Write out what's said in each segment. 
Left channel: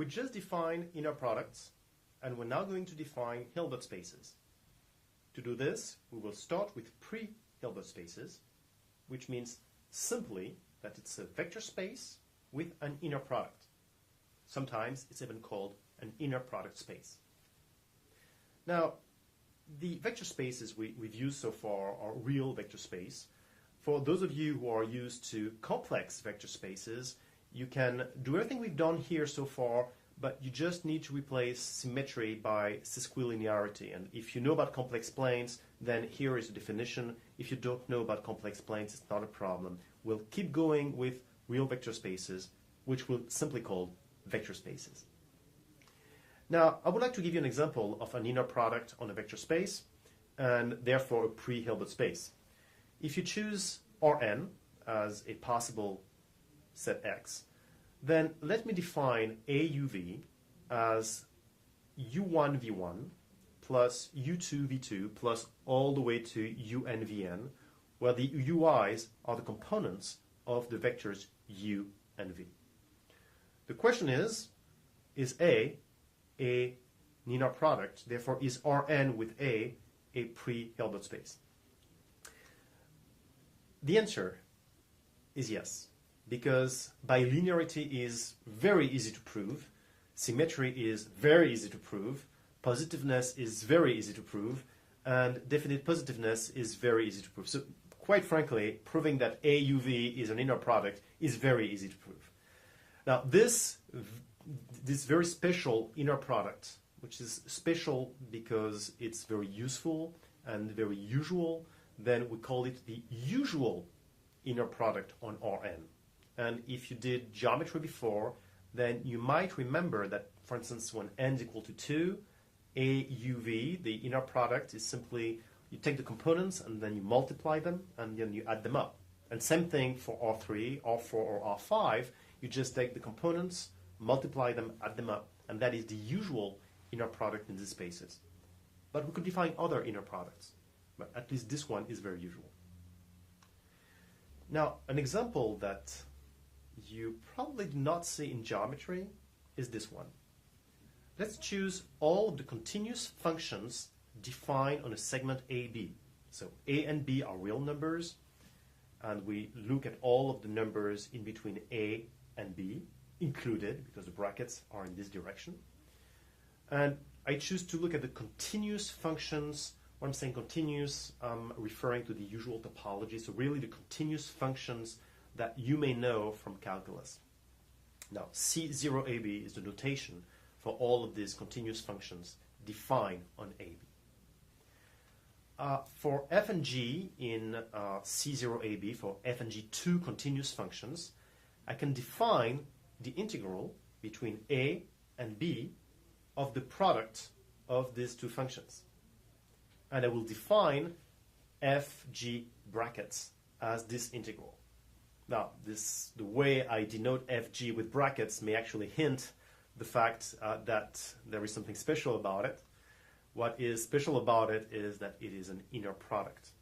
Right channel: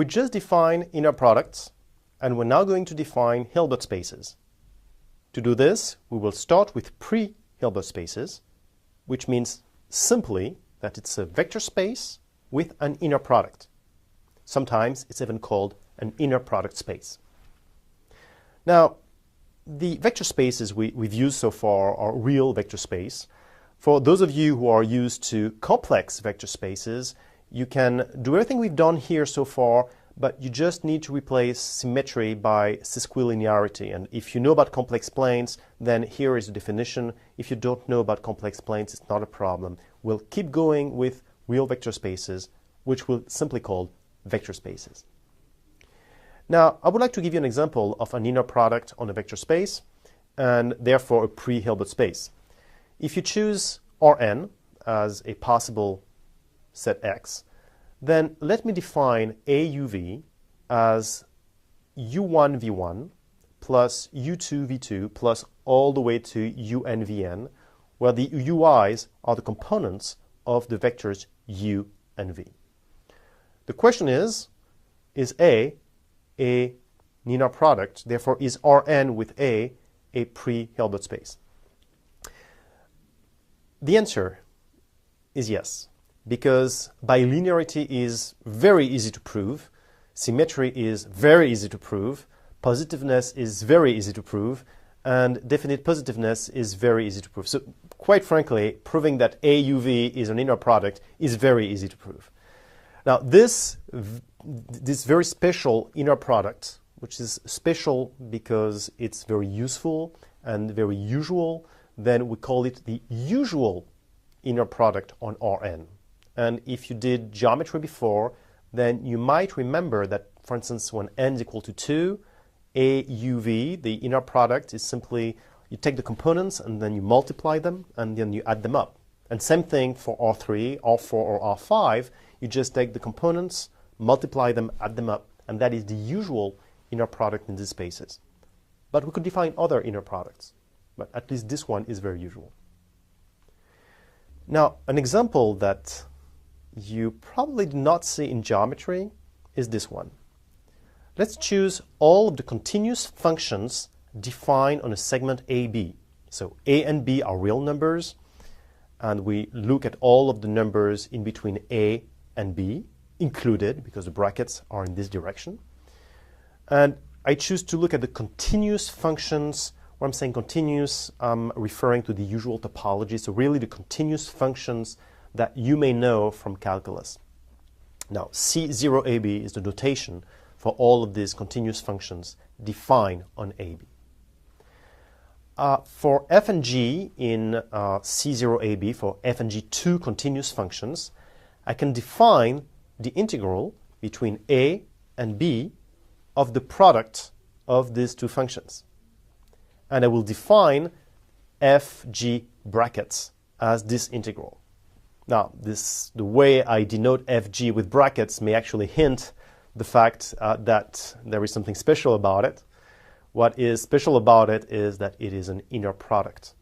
We just defined inner products, and we're now going to define Hilbert spaces. To do this, we will start with pre-Hilbert spaces, which means simply that it's a vector space with an inner product. Sometimes it's even called an inner product space. Now, the vector spaces we've used so far are real vector space. For those of you who are used to complex vector spaces, you can do everything we've done here so far, but you just need to replace symmetry by sesquilinearity. And if you know about complex planes, then here is the definition. If you don't know about complex planes, it's not a problem. We'll keep going with real vector spaces, which we'll simply call vector spaces. Now, I would like to give you an example of an inner product on a vector space, and therefore a pre-Hilbert space. If you choose Rn as a possible set X, then let me define AUV as U1V1 plus U2V2 plus all the way to UNVN, where the UIs are the components of the vectors U and V. The question is A an inner product? Therefore, is Rn with A pre-Hilbert space? The answer is yes, because bilinearity is very easy to prove, symmetry is very easy to prove, positiveness is very easy to prove, and definite positiveness is very easy to prove. So quite frankly, proving that AUV is an inner product is very easy to prove. Now, this very special inner product, which is special because it's very useful and very usual, then we call it the usual inner product on Rn. And if you did geometry before, then you might remember that, for instance, when n is equal to 2, AUV, the inner product, is simply you take the components and then you multiply them and then you add them up. And same thing for R3, R4, or R5. You just take the components, multiply them, add them up, and that is the usual inner product in these spaces. But we could define other inner products, but at least this one is very usual. Now, an example that you probably do not see in geometry is this one. Let's choose all of the continuous functions defined on a segment AB. So A and B are real numbers, and we look at all of the numbers in between A and B, included, because the brackets are in this direction. And I choose to look at the continuous functions. When I'm saying continuous, I'm referring to the usual topology, so really the continuous functions that you may know from calculus. Now, C0AB is the notation for all of these continuous functions defined on AB. For f and g in C0AB, for f and g two continuous functions, I can define the integral between a and b of the product of these two functions. And I will define fg brackets as this integral. Now, the way I denote fg with brackets may actually hint the fact that there is something special about it. What is special about it is that it is an inner product.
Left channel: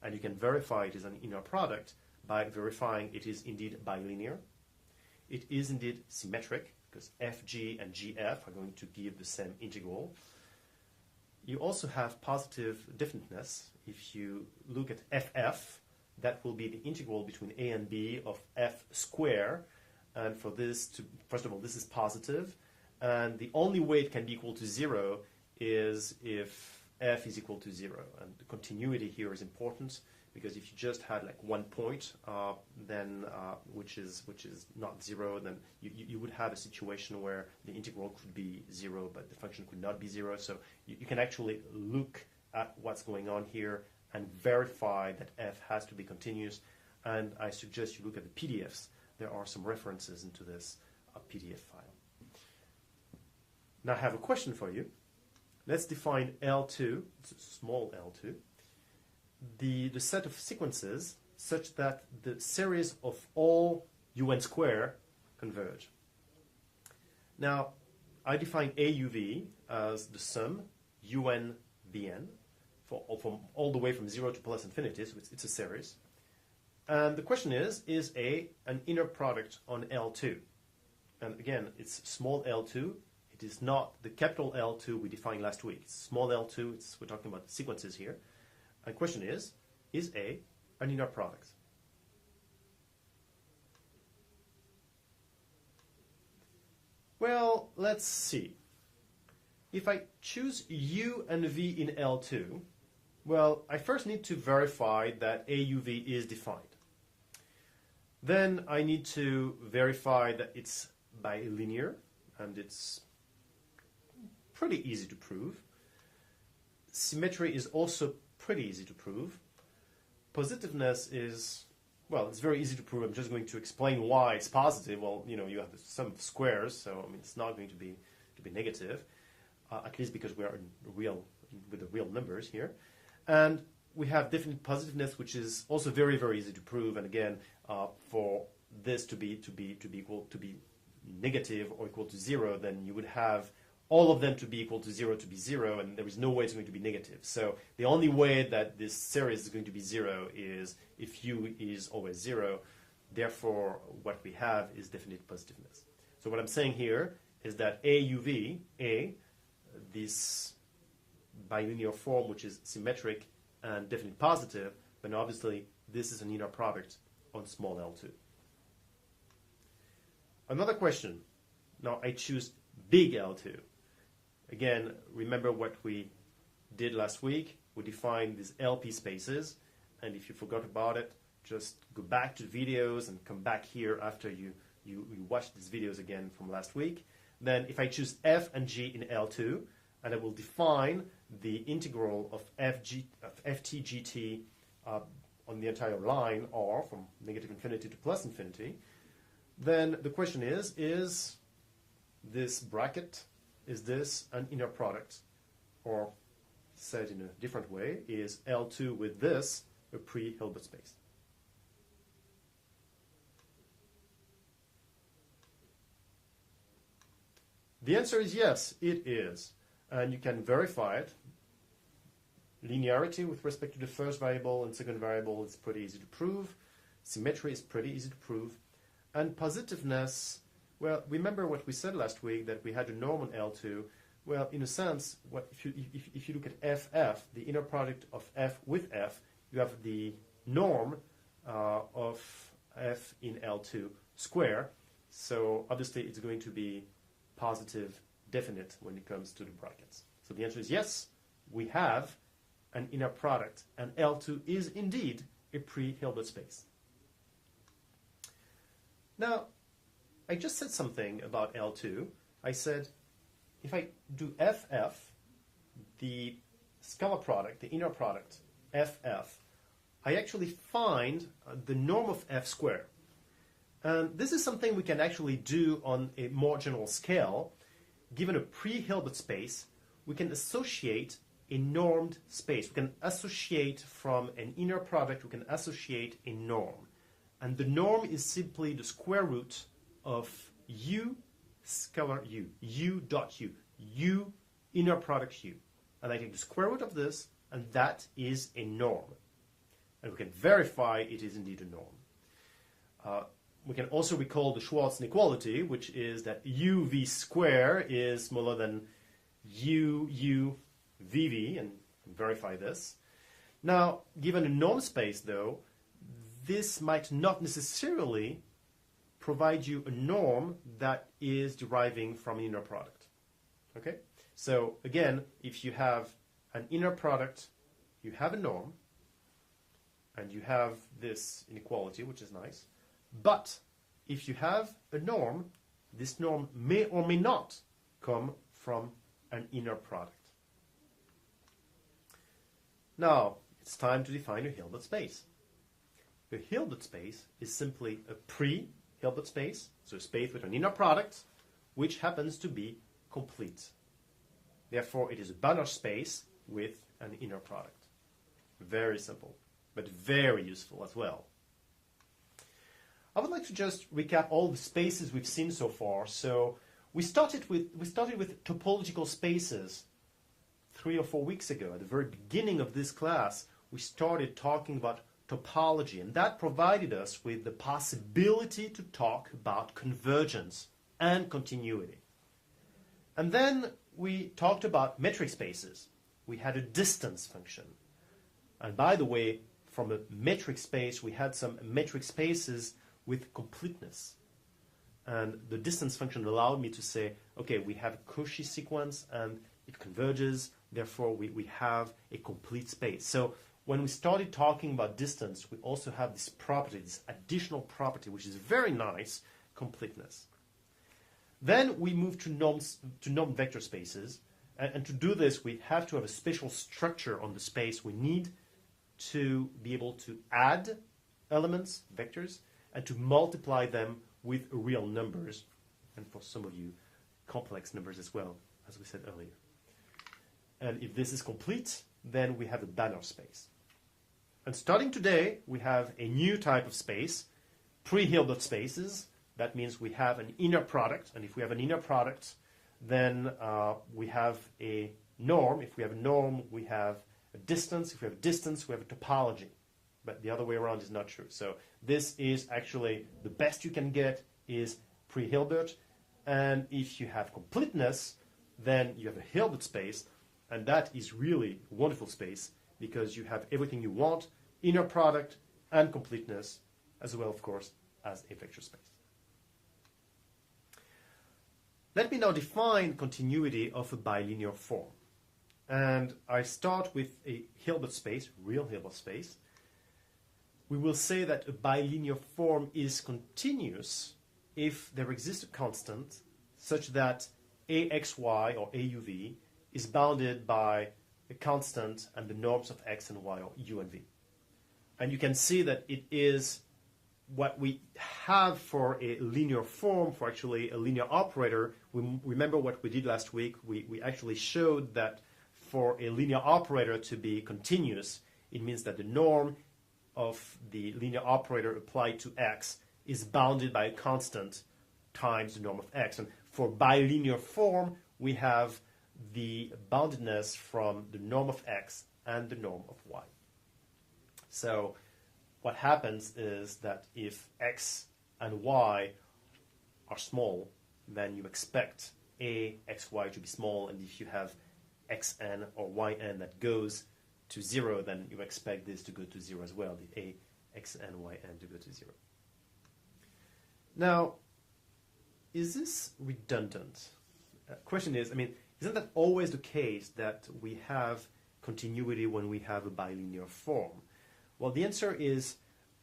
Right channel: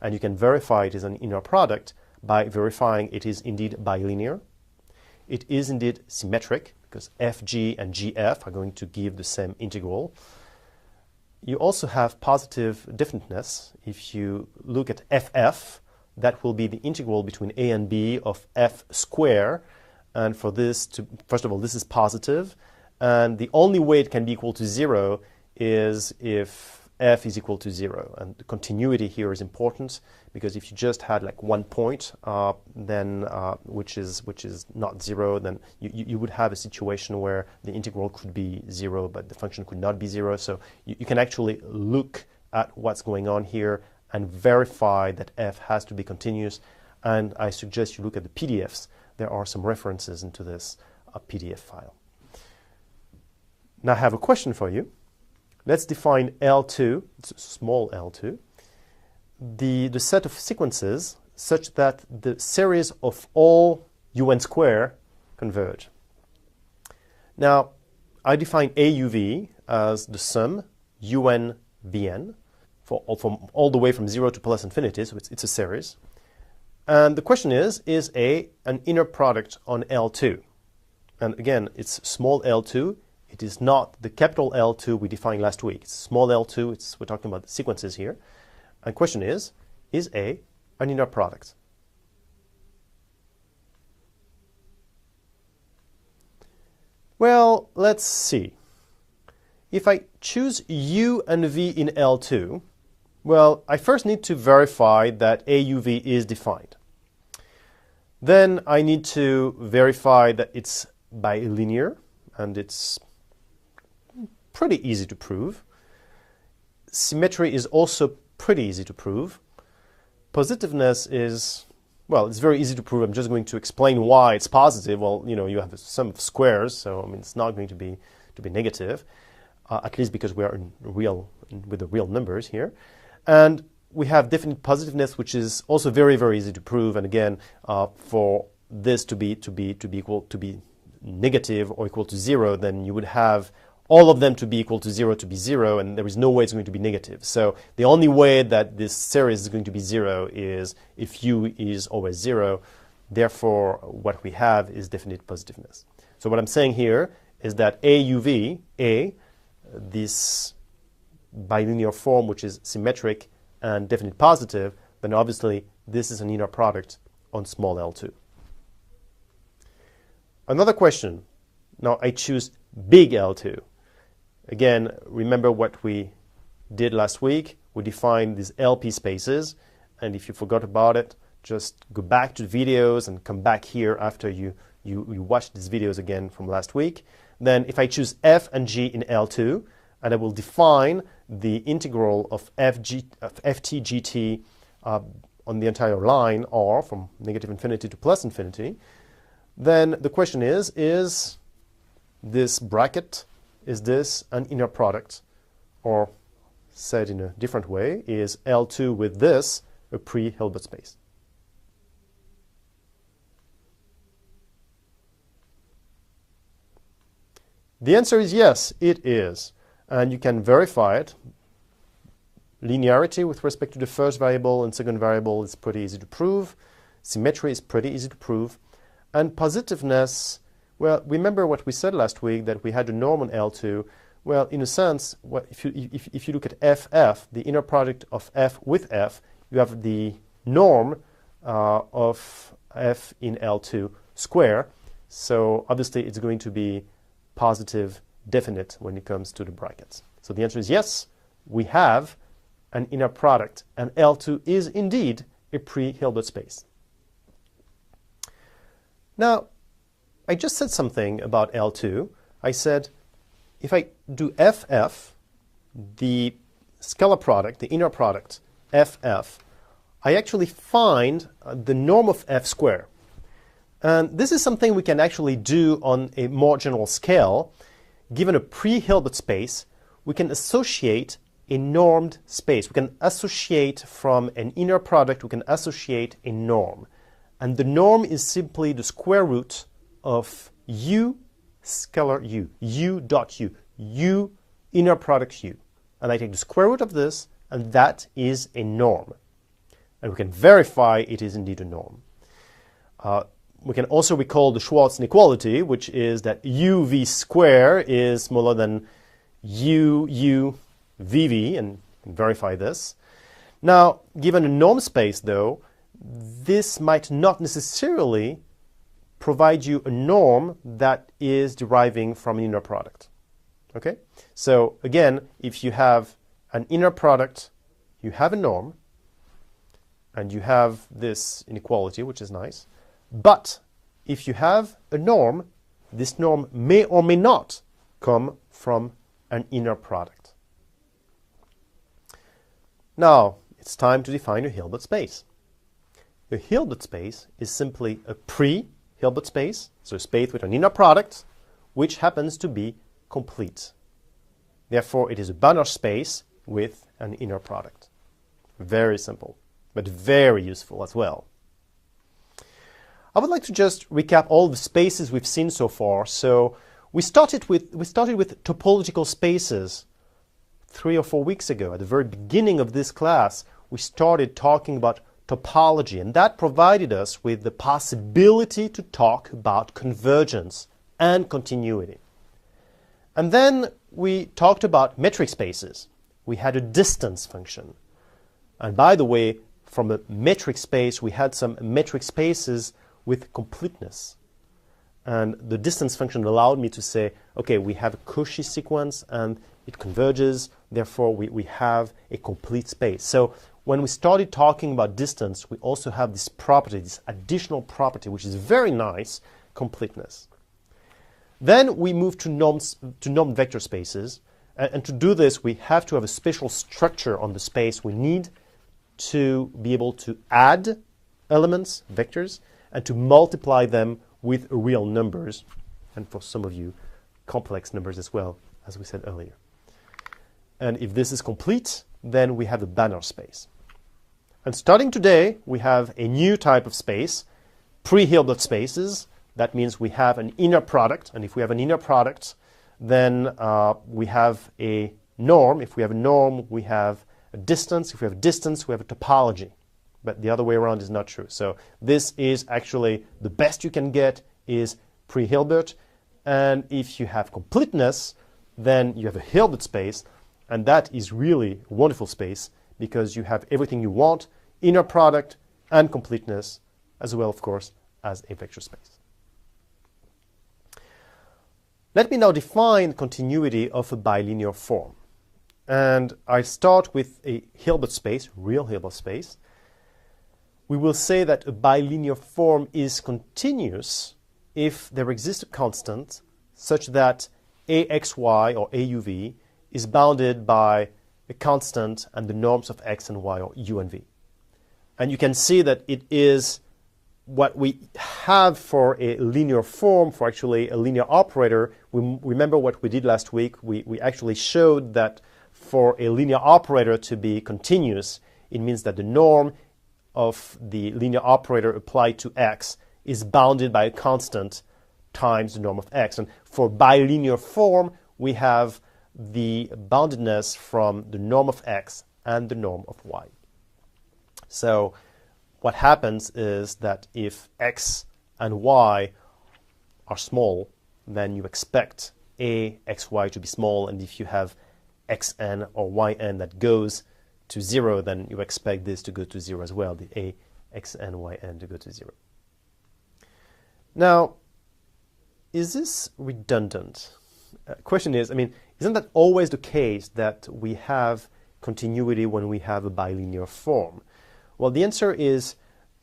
And you can verify it is an inner product by verifying it is indeed bilinear. It is indeed symmetric, because fg and gf are going to give the same integral. You also have positive definiteness. If you look at ff, that will be the integral between a and b of f square. And for this to, first of all, this is positive. And the only way it can be equal to 0 is if f is equal to 0. And the continuity here is important, because if you just had like 1 point, then which is not 0, then you would have a situation where the integral could be 0, but the function could not be 0. So you can actually look at what's going on here and verify that f has to be continuous. And I suggest you look at the PDFs. There are some references into this PDF file. Now I have a question for you. Let's define L2, it's small L2, the set of sequences such that the series of all un square converge. Now, I define AUV as the sum un vn from all the way from 0 to plus infinity, so it's a series. And the question is A an inner product on L2? and again, it's small L2. It is not the capital L2 we defined last week. It's small L2. We're talking about sequences here. And the question is A an inner product? Well, let's see. If I choose U and V in L2, well, I first need to verify that AUV is defined. Then I need to verify that it's bilinear, and it's pretty easy to prove. Symmetry is also pretty easy to prove. Positiveness is, well, it's very easy to prove. I'm just going to explain why it's positive. Well, you know, you have a sum of squares, so I mean, it's not going to be negative, at least because we are with the real numbers here. And we have definite positiveness, which is also very, very easy to prove. And again, for this to be negative or equal to 0, then you would have all of them to be equal to 0 to be 0, and there is no way it's going to be negative. So the only way that this series is going to be 0 is if U is always 0. Therefore, what we have is definite positiveness. So what I'm saying here is that AUV, A, this bilinear form, which is symmetric and definite positive, then obviously this is an inner product on small L2. Another question. Now I choose big L2. Again, remember what we did last week. We defined these LP spaces, and if you forgot about it, just go back to the videos and come back here after you watch these videos again from last week. Then if I choose F and G in L2, and I will define the integral of ft gt on the entire line, R, from negative infinity to plus infinity, then the question is this bracket, is this an inner product? Or said in a different way, is L2 with this a pre-Hilbert space? The answer is yes, it is. And you can verify it. Linearity with respect to the first variable and second variable is pretty easy to prove. Symmetry is pretty easy to prove. And positiveness, well, remember what we said last week, that we had a norm on L2. Well, in a sense, if you look at FF, the inner product of F with F, you have the norm of F in L2 square. So obviously it's going to be positive definite when it comes to the brackets. So the answer is yes, we have an inner product, and L2 is indeed a pre-Hilbert space. Now, I just said something about L2. I said if I do FF, the scalar product, the inner product, FF, I actually find the norm of F square. And this is something we can actually do on a more general scale. Given a pre-Hilbert space, we can associate a normed space. We can associate from an inner product, we can associate a norm. And the norm is simply the square root of U scalar U, U dot U, U inner product U. And I take the square root of this, and that is a norm. And we can verify it is indeed a norm. We can also recall the Schwarz inequality, which is that UV square is smaller than UVV, and verify this. Now, given a norm space, though, this might not necessarily provide you a norm that is deriving from an inner product. Okay? So again, if you have an inner product, you have a norm, and you have this inequality, which is nice. But if you have a norm, this norm may or may not come from an inner product. Now, it's time to define a Hilbert space. A Hilbert space is simply a pre-Hilbert space, so a space with an inner product, which happens to be complete. Therefore, it is a Banach space with an inner product. Very simple, but very useful as well. I would like to just recap all the spaces we've seen so far. So we started with topological spaces 3 or 4 weeks ago. At the very beginning of this class, we started talking about topology, and that provided us with the possibility to talk about convergence and continuity. And then we talked about metric spaces. We had a distance function. And by the way, from a metric space, we had some metric spaces with completeness. And the distance function allowed me to say, okay, we have a Cauchy sequence and it converges, therefore we have a complete space. So when we started talking about distance, we also have this property, this additional property, which is very nice, completeness. Then we move to normed vector spaces. And to do this, we have to have a special structure on the space. We need to be able to add elements, vectors, and to multiply them with real numbers, and for some of you, complex numbers as well, as we said earlier. And if this is complete, then we have a Banner space. And starting today, we have a new type of space, pre-Hilbert spaces. That means we have an inner product, and if we have an inner product, then we have a norm. If we have a norm, we have a distance. If we have a distance, we have a topology. But the other way around is not true. So this is actually the best you can get is pre-Hilbert. And if you have completeness, then you have a Hilbert space. And that is really a wonderful space because you have everything you want, inner product and completeness, as well, of course, as a vector space. Let me now define continuity of a bilinear form. And I start with a Hilbert space, real Hilbert space. We will say that a bilinear form is continuous if there exists a constant such that AXY or AUV is bounded by a constant and the norms of x and y or u and v. And you can see that it is what we have for a linear form, for actually a linear operator. We remember what we did last week. We actually showed that for a linear operator to be continuous, it means that the norm of the linear operator applied to x is bounded by a constant times the norm of x. And for bilinear form, we have the boundedness from the norm of x and the norm of y. So what happens is that if x and y are small, then you expect AXY to be small, and if you have xn or yn that goes to 0, then you expect this to go to 0 as well, the AXN, yn to go to 0. Now, is this redundant? Question is, isn't that always the case that we have continuity when we have a bilinear form? Well, the answer is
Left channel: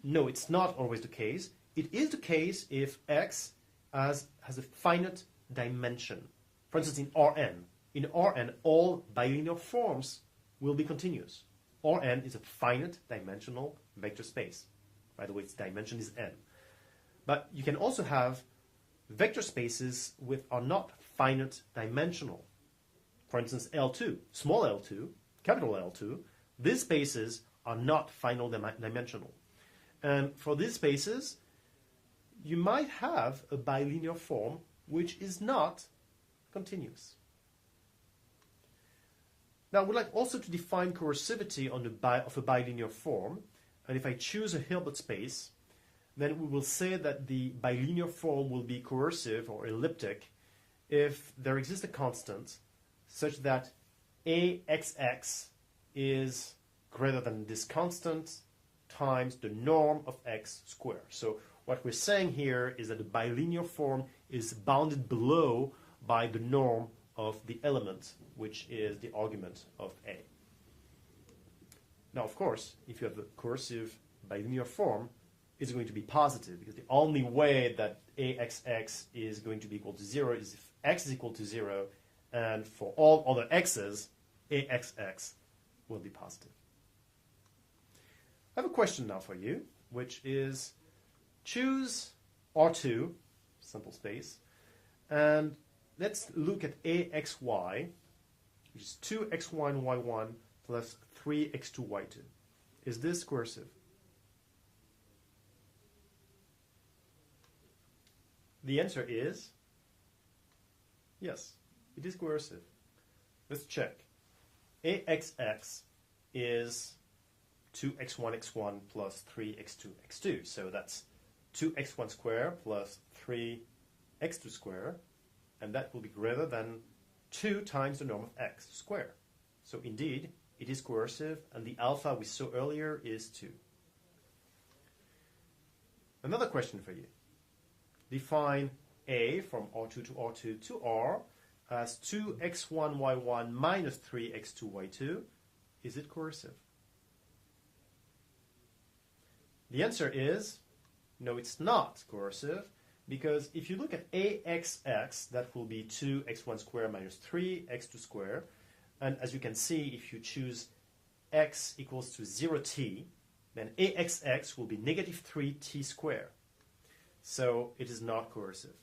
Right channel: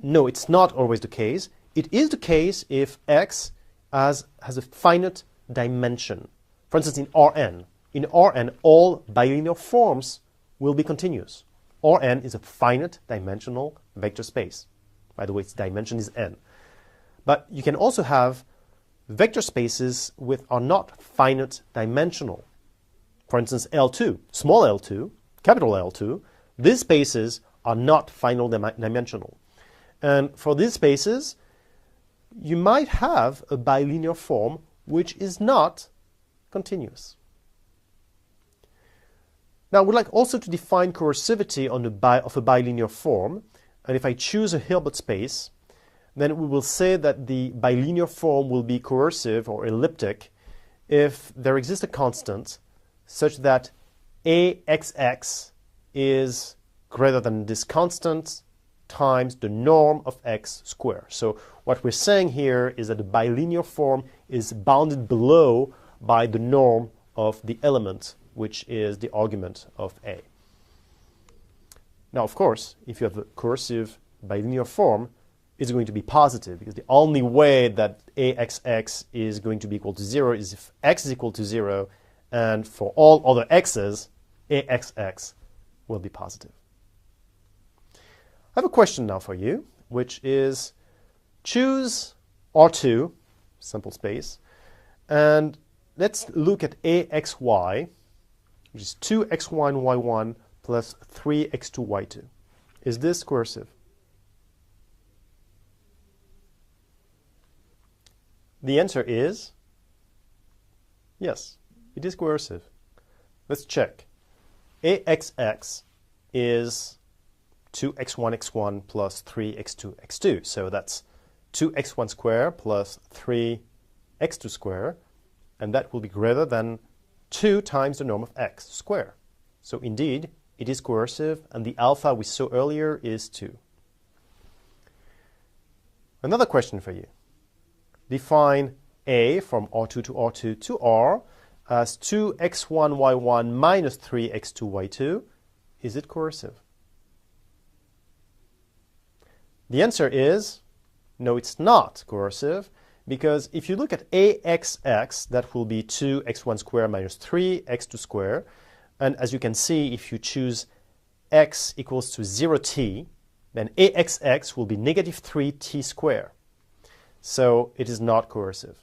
no, it's not always the case. It is the case if x has a finite dimension. For instance, in Rn. In Rn, all bilinear forms will be continuous. Rn is a finite dimensional vector space. By the way, its dimension is n. But you can also have vector spaces which are not finite dimensional. For instance, L2, small l2, capital L2, these spaces are not finite dimensional. And for these spaces, you might have a bilinear form which is not continuous. Now, we'd like also to define coercivity of a bilinear form. And if I choose a Hilbert space, then we will say that the bilinear form will be coercive or elliptic if there exists a constant such that AXX is greater than this constant times the norm of x squared. So what we're saying here is that the bilinear form is bounded below by the norm of the element, which is the argument of A. Now, of course, if you have a coercive bilinear form, it's going to be positive, because the only way that AXX is going to be equal to 0 is if x is equal to 0, and for all other x's, AXX will be positive. I have a question now for you, which is choose R2, simple space, and let's look at AXY, which is 2xy and y1 plus 3x2, y2. Is this coercive? The answer is yes, it is coercive. Let's check. AXX is 2x1, x1 plus 3x2, x2. So that's 2x1 squared plus 3x2, x2 squared, and that will be greater than 2 times the norm of x squared. So indeed, it is coercive, and the alpha we saw earlier is 2. Another question for you. Define A from R2 to R2 to R as 2x1y1 minus 3x2y2. Is it coercive? The answer is no, it's not coercive, because if you look at AXX, that will be 2x1 squared minus 3x2 squared. And as you can see, if you choose x equals to 0t, then AXX will be negative 3t squared. So it is not coercive.